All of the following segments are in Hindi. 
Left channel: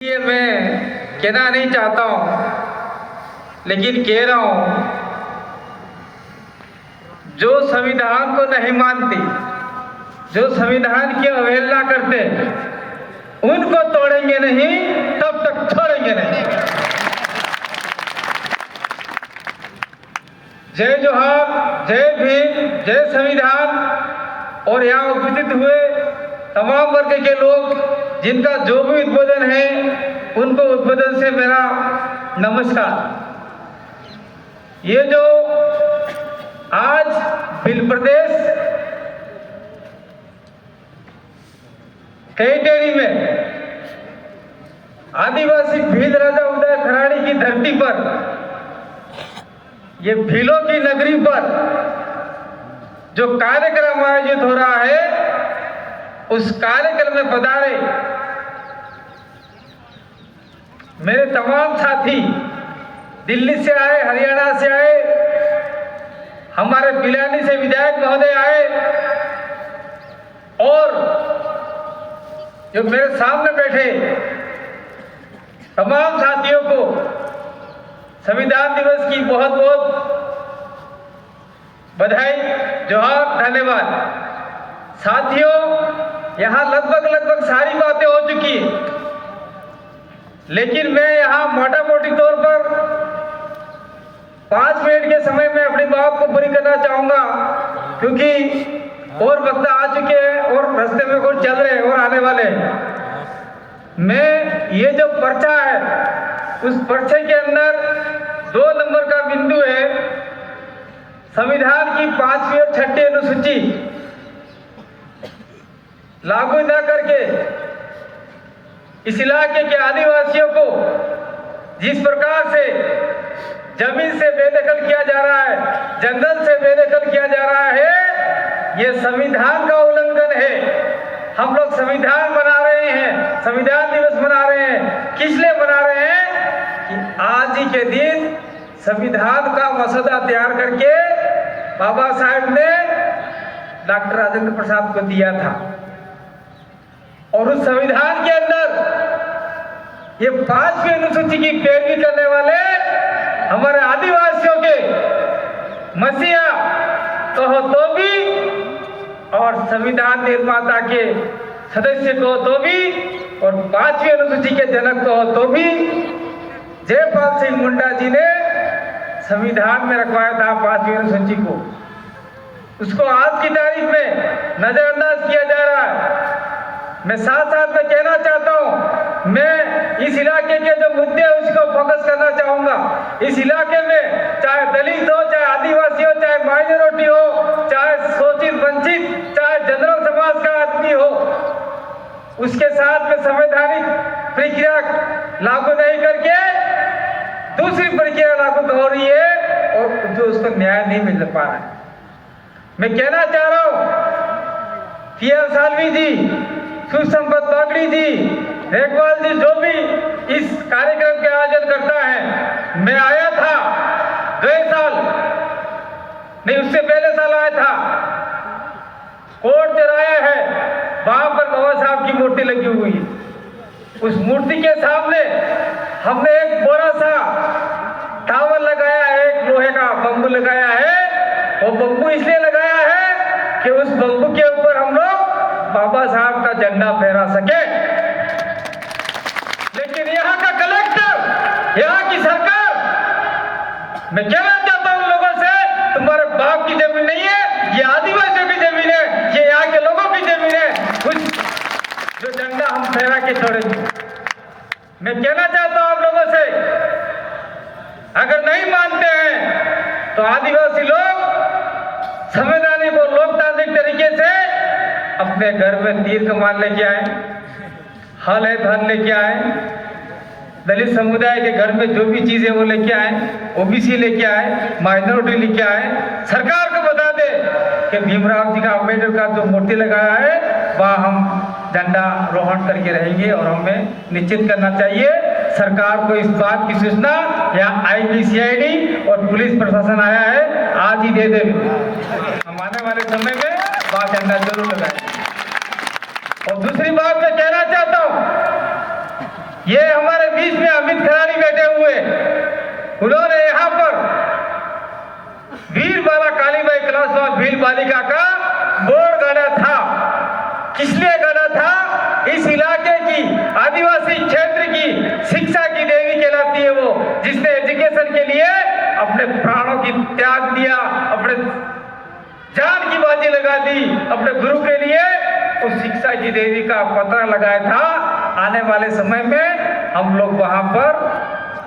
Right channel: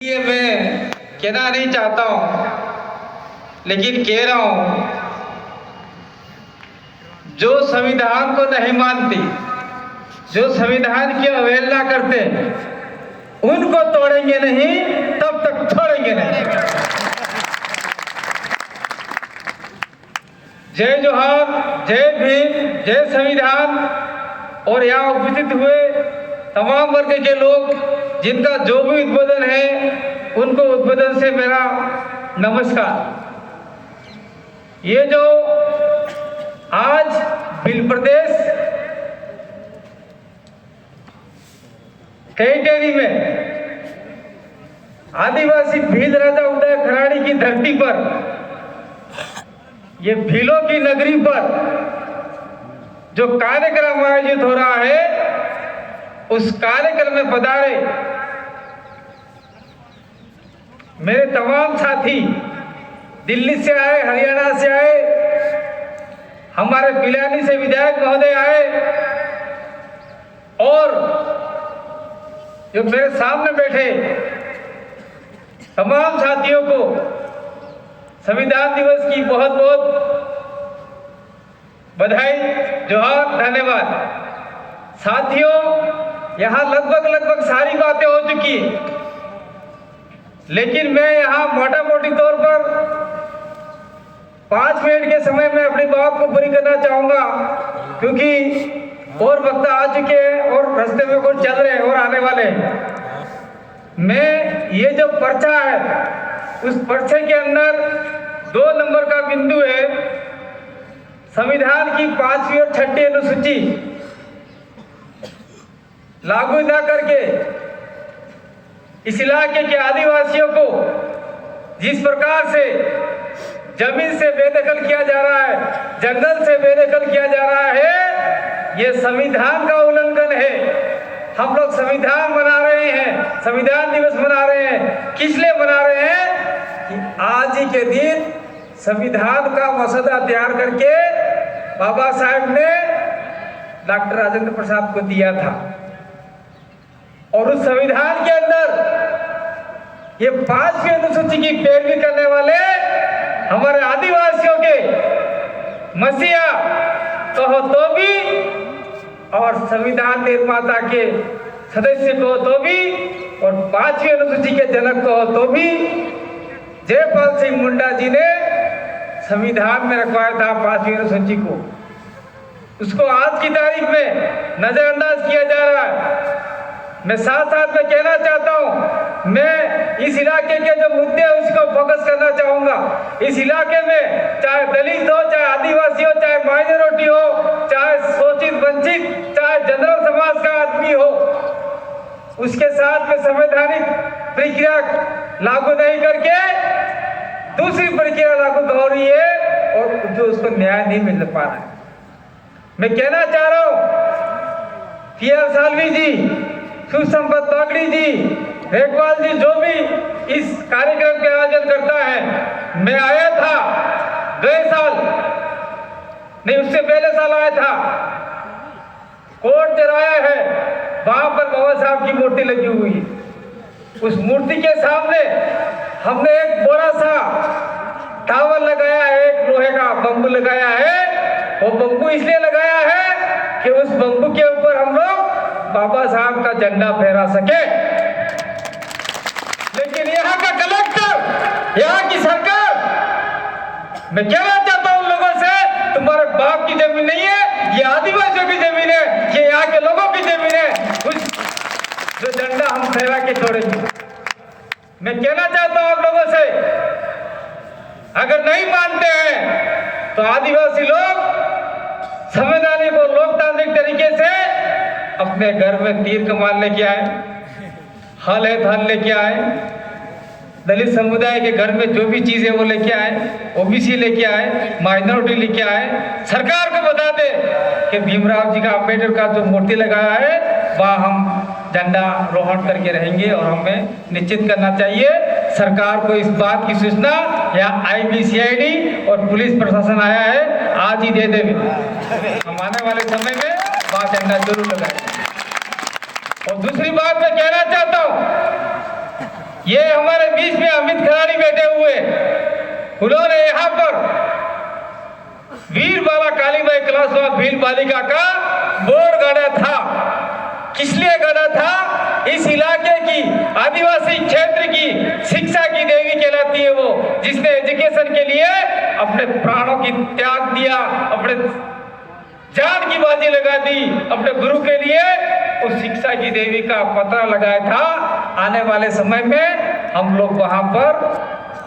ये मैं कहना नहीं चाहता हूं, लेकिन कह रहा हूं, जो संविधान को नहीं मानती, जो संविधान की अवहेलना करते, उनको तोड़ेंगे नहीं, तब तक छोड़ेंगे नहीं। जय जोहार, जय भीम, जय संविधान। और यहाँ उपस्थित हुए तमाम वर्ग के लोग जिनका जो भी उद्बोधन है, उनको उद्बोधन से मेरा नमस्कार। ये जो आज भील प्रदेश कैटेरी में आदिवासी भील राजा उदय खराड़ी की धरती पर, ये भीलों की नगरी पर जो कार्यक्रम आयोजित हो रहा है, उस कार्यक्रम में पधारे मेरे तमाम साथी, दिल्ली से आए, हरियाणा से आए, हमारे पिलानी से विधायक महोदय आए, और जो मेरे सामने बैठे तमाम साथियों को संविधान दिवस की बहुत बहुत बधाई, जोहार, धन्यवाद। साथियों, यहाँ लगभग सारी बातें हो चुकी है, लेकिन मैं यहाँ मोटा मोटी तौर पर 5 मिनट के समय में अपनी बात को पूरी करना चाहूंगा, क्योंकि और वक्त आ चुके हैं और रास्ते में कुछ चल रहे हैं और आने वाले हैं। मैं ये जो पर्चा है, उस पर्चे के अंदर 2 नंबर का बिंदु है, संविधान की 5वीं और 6ठी अनुसूची लागू न करके इस इलाके के आदिवासियों को जिस प्रकार से जमीन से बेदखल किया जा रहा है, जंगल से बेदखल किया जा रहा है, ये संविधान का उल्लंघन है। हम लोग संविधान बना रहे हैं, संविधान दिवस मना रहे हैं, किस लिए मना रहे हैं कि आज ही के दिन संविधान का मसौदा तैयार करके बाबा साहब ने डॉक्टर राजेंद्र प्रसाद को दिया था, और उस संविधान के अंदर ये 5वीं अनुसूची की पैरवी करने वाले हमारे आदिवासियों के मसीहा कहो तो भी, और संविधान निर्माता के सदस्य कहो तो भी, और 5वीं अनुसूची के जनक कहो तो भी, जयपाल सिंह मुंडा जी ने संविधान में रखवाया था 5वीं अनुसूची को। उसको आज की तारीख में नजरअंदाज किया जा रहा है। मैं साथ में कहना चाहता हूं, मैं इस इलाके के जो मुद्दे हैं उसको फोकस करना चाहूंगा। इस इलाके में चाहे दलित हो, चाहे आदिवासी हो, चाहे माइनॉरिटी हो, चाहे शोषित वंचित, चाहे जनरल समाज का आदमी हो, उसके साथ में संवैधानिक प्रक्रिया लागू नहीं करके दूसरी प्रक्रिया लागू हो रही है, और जो उसको न्याय नहीं मिल पा रहा है। मैं कहना चाह रहा हूं, पीआर सालवी जी, सुसंपत बागड़ी जी, रेखवाल जी, जो भी इस कार्यक्रम के आयोजन करता है, मैं आया था गए साल, नहीं उससे पहले साल आया था, कोर्ट चौराया है, वहां पर बाबा साहब की मूर्ति लगी हुई है। उस मूर्ति के सामने हमने एक बड़ा सा टावर लगाया है, एक लोहे का बम्बू लगाया है। वो बम्बू इसलिए लगाया है कि उस बम्बू के ऊपर हम लोग बाबा साहब का झंडा फहरा सके। लेकिन यहाँ का कलेक्टर, यहाँ की सरकार, मैं कहना चाहता हूं उन लोगों से, तुम्हारे बाप की जमीन नहीं है, ये आदिवासियों की जमीन है, ये यहाँ के लोगों की जमीन है, कुछ जो झंडा हम फहरा के छोड़ेंगे। मैं कहना चाहता हूं आप लोगों से, अगर नहीं मानते हैं तो आदिवासी लोग संवैधानिक और लोकतांत्रिक तरीके से अपने घर में तीर कमान लेके आए, हल है थल लेके आए, दलित समुदाय के घर में जो भी चीजें वो लेके आए, ओबीसी लेके आए, माइनॉरिटी लेके आए। सरकार को बता दे कि भीमराव जी का, अम्बेडकर का जो मूर्ति लगाया है, वहाँ हम झंडा रोहण करके रहेंगे, और हमें निश्चित करना चाहिए। सरकार को इस बात की सूचना यहाँ IBCID और पुलिस प्रशासन आया है, आज ही दे दे। हम आने वाले समय में वहाँ झंडा जरूर लगाएंगे। और दूसरी बात मैं कहना चाहता हूँ, ये हमारे बीच में अमित खराड़ी बैठे हुए, उन्होंने यहाँ पर वीर बाला कालीबाई क्लास भील बालिका का बोर्ड गढ़ा था। किस लिए गढ़ा था? इस इलाके की आदिवासी क्षेत्र की शिक्षा की देवी कहलाती है वो, जिसने एजुकेशन के लिए अपने प्राणों की त्याग दिया, अपने जान की बाजी लगा दी अपने गुरु के लिए। उस शिक्षा की देवी का पता लगाया था। आने वाले समय में हम लोग वहां पर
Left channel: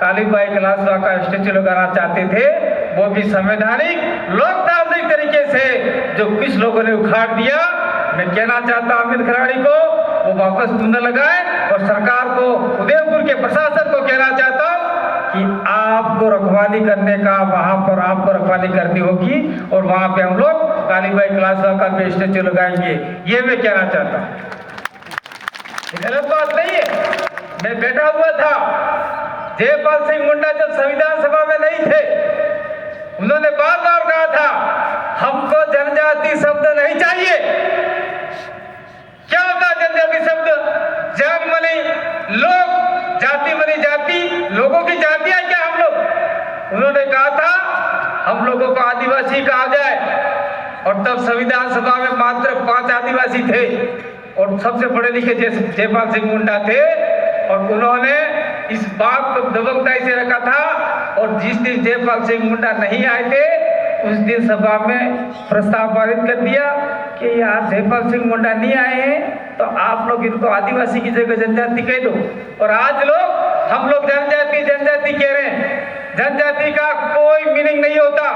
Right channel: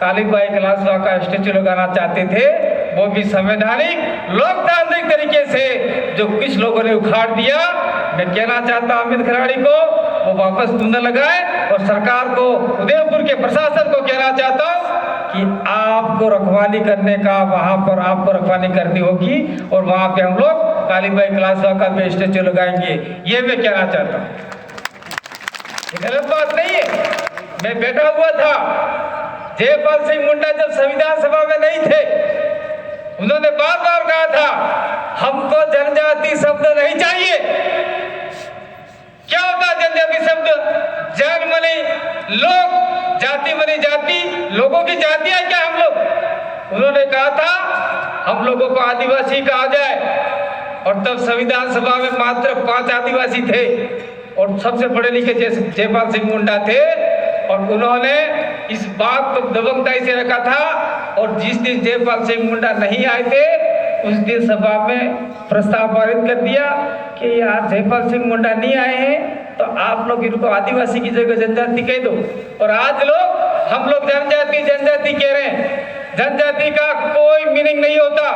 कालीबाई कलासवा का स्टेचू लगाना चाहते थे, वो भी संवैधानिक लोकतांत्रिक तरीके से, जो कुछ लोगों ने उखाड़ दिया। मैं कहना चाहता हूं अमित खराड़ी को वो वापस कुंदा लगाए, और सरकार को, उदयपुर के प्रशासन को कहना चाहता हूं कि आपको रखवाली करने का, वहां पर आपको रखवाली करनी होगी, और वहां पे हम लोग कालीबाई कलासवा का भी स्टेचू लगाएंगे। ये मैं कहना चाहता हूँ, गलत बात नहीं है। मैं बैठा हुआ था, जयपाल सिंह मुंडा जब संविधान सभा में नहीं थे, उन्होंने बार बार कहा था हमको जनजाति शब्द नहीं चाहिए। क्या होता है जनजाति शब्द? जन मनी लोग, जाति मनी जाति, लोगों की जाति है क्या हम लोग? उन्होंने कहा था हम लोगों को आदिवासी कहा जाए, और तब संविधान सभा में मात्र 5 आदिवासी थे, और सबसे पढ़े लिखे जयपाल सिंह मुंडा थे, और उन्होंने इस बात को दबंगताई से रखा था। और जिस दिन जयपाल सिंह मुंडा नहीं आए थे, उस दिन सभा में प्रस्ताव पारित कर दिया कि यार जयपाल सिंह मुंडा नहीं आए हैं तो आप लोग इनको आदिवासी की जगह जनजाति कह दो। और आज लोग, हम लोग जनजाति जनजाति कह रहे हैं। जनजाति का कोई मीनिंग नहीं होता।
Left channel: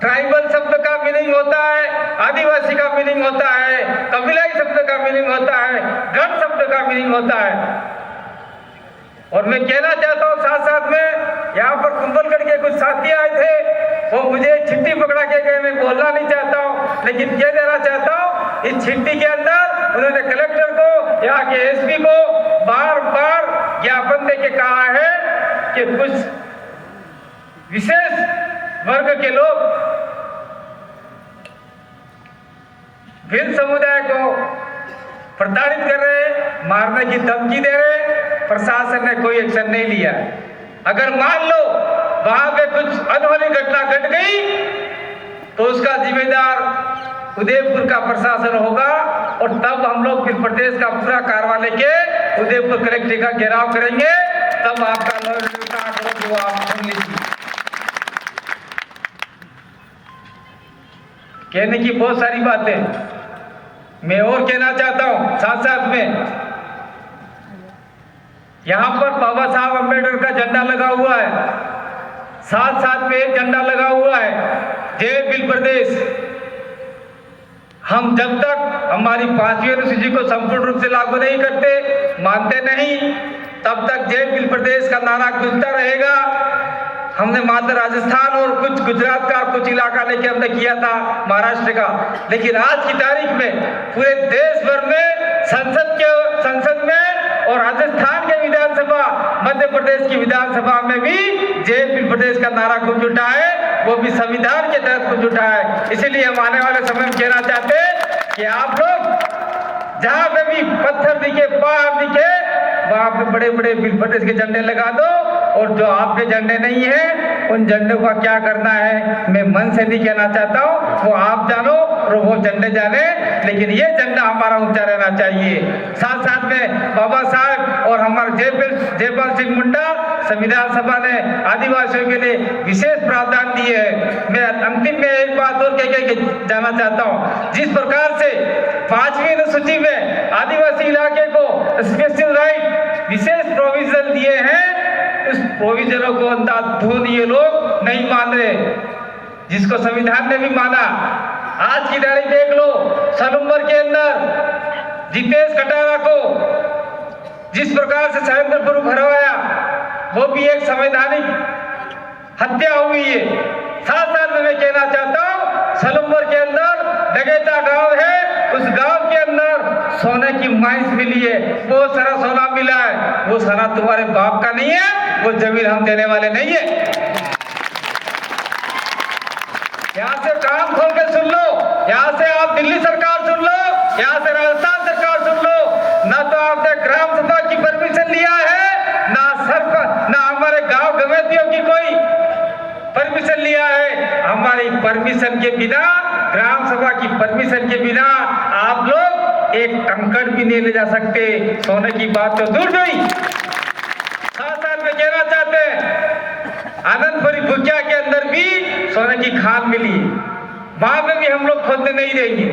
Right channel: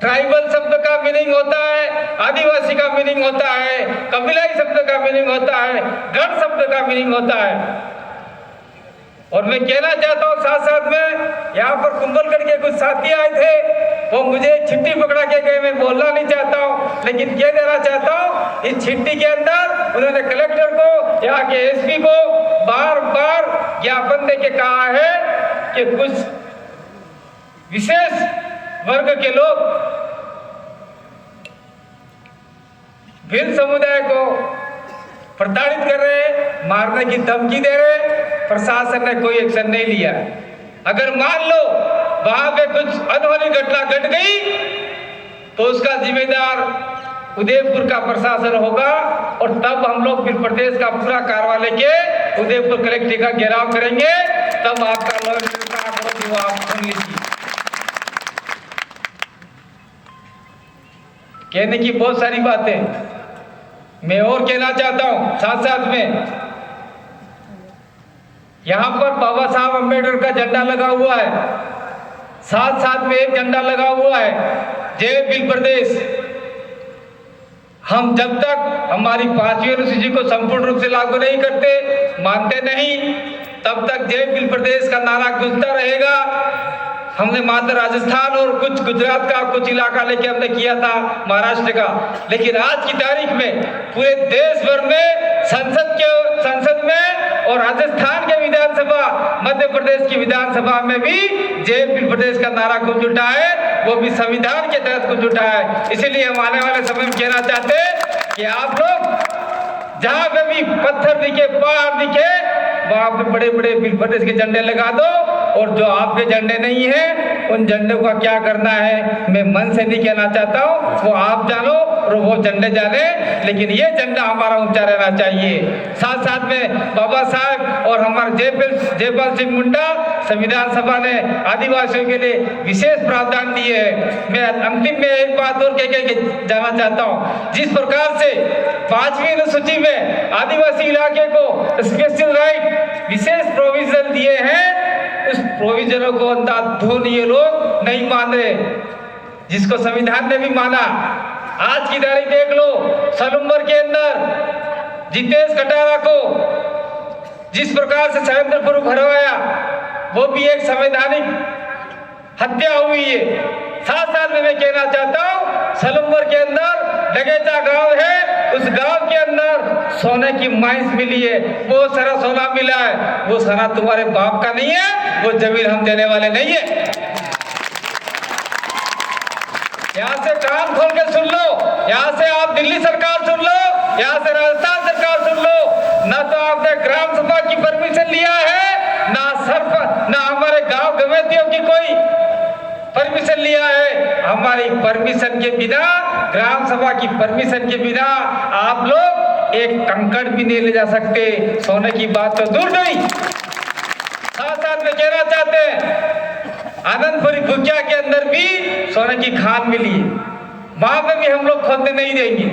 ट्राइबल शब्द का मीनिंग होता है, आदिवासी का मीनिंग होता है, कबीलाई शब्द का मीनिंग होता है, गढ़ शब्द का मीनिंग होता है। और मैं कहना चाहता हूँ साथ साथ में, यहाँ पर कुंभलगढ़ के कुछ साथी आए थे, वो मुझे चिट्ठी पकड़ा के गए। मैं बोलना नहीं चाहता हूँ, लेकिन कह देना चाहता हूँ, इस चिट्ठी के अंदर उन्होंने कलेक्टर को, यहाँ के एसपी को बार बार ज्ञापन दे के कहा है कि कुछ विशेष वर्ग के लोग भिल समुदाय को प्रताड़ित कर रहे, मारने की धमकी दे रहे। प्रशासन ने कोई एक्शन नहीं लिया। अगर मान लो वहां पे कुछ अनहोनी घटना घट गई तो उसका जिम्मेदार उदयपुर का प्रशासन होगा, और तब हम लोग फिर प्रदेश का पूरा कार्रवाई लेके उदयपुर कलेक्टर का घेराव करेंगे। तब आपका लॉ का आंकड़ा जो आप सुन लीजिए। कहने की बहुत सारी बातें मैं और कहना चाहता हूं। साथ साथ में यहाँ पर बाबा साहब अम्बेडकर का झंडा लगा हुआ है, साथ साथ में एक झंडा लगा हुआ है जय भील प्रदेश। हम जब तक हमारी 5वीं अनुसूची को संपूर्ण रूप से लागू नहीं करते, मानते नहीं, तब तक जय भील प्रदेश का नारा गूंजता रहेगा। हमने मात्र राजस्थान और कुछ गुजरात का कुछ इलाका लेके हमने किया था, महाराष्ट्र का, लेकिन आज की तारीख में पूरे देश भर में संसद में और राजस्थान के विधानसभा, मध्य प्रदेश की विधानसभा में भी जय भील प्रदेश का नारा गूंज उठा है, वो भी संविधान के तहत गूंज उठा है। इसीलिए हम आने वाले समय में कहना चाहते हैं कि आप लोग जहां पे भी पत्थर दिखे, पहाड़ दिखे, वहां पे बड़े बड़े भील प्रदेश के झंडे लगा दो, और जो आपके झंडे नहीं है उन झंडों का क्या करना है मैं मन से नहीं कहना चाहता हूँ, वो आप जानो और वो झंडे जाने, लेकिन ये झंडा हमारा ऊंचा रहना चाहिए। साथ साथ में बाबा साहब और हमारे जयपाल सिंह मुंडा, संविधान सभा ने आदिवासियों के लिए विशेष प्रावधान दिए है। मैं अंतिम में एक बात और कह के जाना चाहता हूँ, जिस प्रकार से 5वीं अनुसूची में आदिवासी इलाके को स्पेशल राइट, विशेष प्रोविजन दिए हैं, उस प्रोविजनों को अंधाधुन ये लोग नहीं मान रहे, जिसको संविधान ने भी माना। आज की तारीख देख लो, सलूम्बर के अंदर जितेश कटारा को जिस प्रकार से सहेंद्रपुर भरवाया, वो भी एक संवैधानिक हत्या हुई है। साथ साथ में मैं कहना चाहता हूँ, सलूम्बर के अंदर डगेता गांव है, उस गांव के अंदर सोने की माइंस मिली है, बहुत सारा सोना मिला है, वो सोना तुम्हारे बाप का नहीं है, वो जमीन हम देने वाले नहीं है। यहाँ से कान खोल के सुन लो, यहाँ से आप दिल्ली सरकार सुन लो, यहाँ से राजस्थान सरकार सुन लो, ना तो आपने ग्राम सभा की परमिशन लिया है, ना हमारे गांव कमेटियों की कोई परमिशन लिया है। हमारी परमिशन के बिना, ग्राम सभा की परमिशन के बिना आप लोग एक कंकड़ भी नहीं ले जा सकते। सोने की बात तो दूर नहीं। साथ में कहना चाहते हैं, आनंदपुरी भुकिया के अंदर भी सोने की खान मिली है, वहां पे भी हम लोग खोदने नहीं देंगे।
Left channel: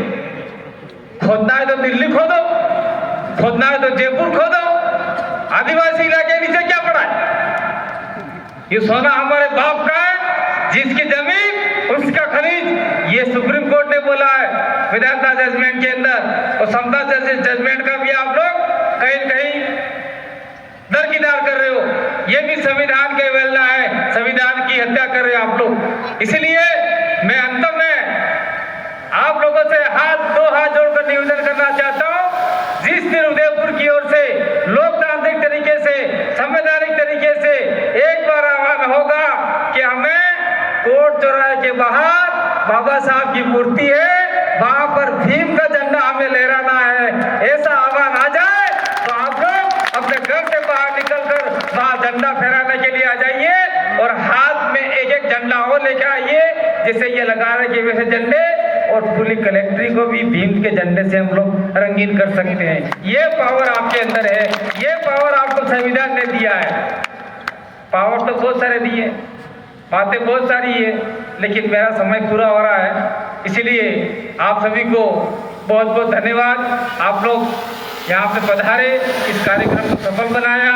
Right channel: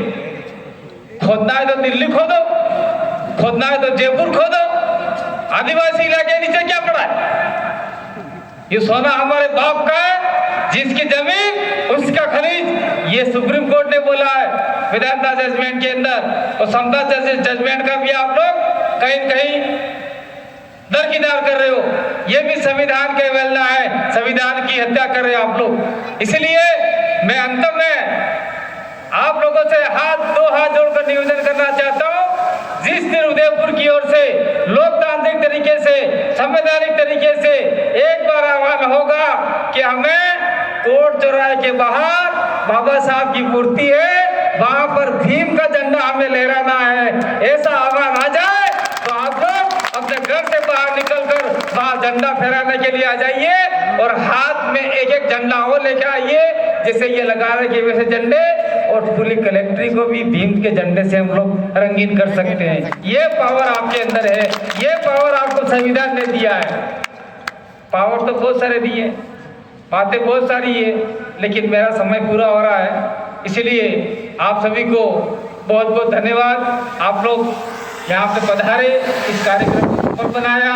खोदना है तो दिल्ली खोदो, खोदना है तो जयपुर खोदो, आदिवासी इलाके नीचे क्या पड़ा है? ये सोना हमारे बाप का है, जिसकी जमीन उसका खरीद। ये सुप्रीम कोर्ट ने बोला है विधानसभा जजमेंट के अंदर, और समता जजमेंट का भी आप लोग कहीं कहीं दरकिनार कर रहे हो। ये भी संविधान के अवहेलना है, संविधान की हत्या कर रहे हो आप लोग। इसलिए मैं अंत में आप लोगों से दो हाथ जोड़कर निवेदन करना चाहता हूं, जिस दिन उदयपुर की ओर से लोकतांत्रिक तरीके से, संवैधानिक तरीके से एक बार आह्वान होगा कि हमें कोर्ट चौराहे के बाहर बाबा साहब की मूर्ति है, वहां पर भीम का झंडा हमें लहराना है, ऐसा आह्वान आ जाए तो आप लोग अपने घर से बाहर निकलकर वहां झंडा फहराने के लिए आ जाइए, और हाथ में एक एक झंडा और लेके आइए, जिसे ये लगाने के वैसे झंडे, और पूरी कलेक्ट्री को भी भीम के झंडे से हम लोग रंगीन कर सकते हैं। ये पावर आपके अंदर है, ये पावर आपको संविधान ने दिया है। पावर तो बहुत सारे दिए, बातें बहुत सारी है, लेकिन मेरा समय पूरा हो रहा है, इसलिए आप सभी को बहुत बहुत धन्यवाद। आप लोग यहाँ पे पधारे, इस कार्यक्रम को सफल बनाया,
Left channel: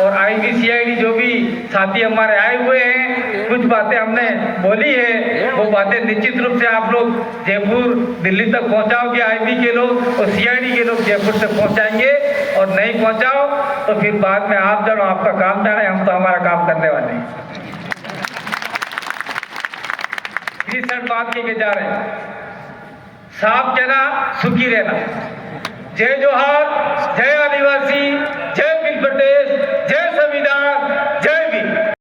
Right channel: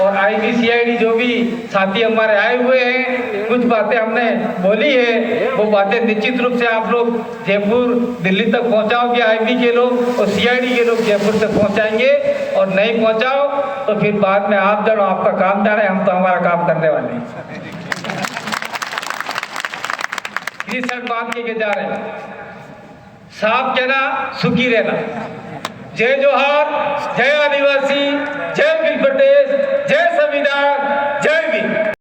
और IB/CID जो भी साथी हमारे आए हुए हैं, कुछ बातें हमने बोली है, वो बातें निश्चित रूप से आप लोग जयपुर दिल्ली तक पहुँचाओगे, IB के लोग, और CID के लोग जयपुर तक पहुँचाएंगे। और नहीं पहुँचाओ तो फिर बाद में आप जानो, आपका काम जाने, हम तो हमारा काम करने वाले हैं। इसी सब बात के जा रहे हैं, साफ कहना, सुखी रहना। जय जोहार, जय आदिवासी,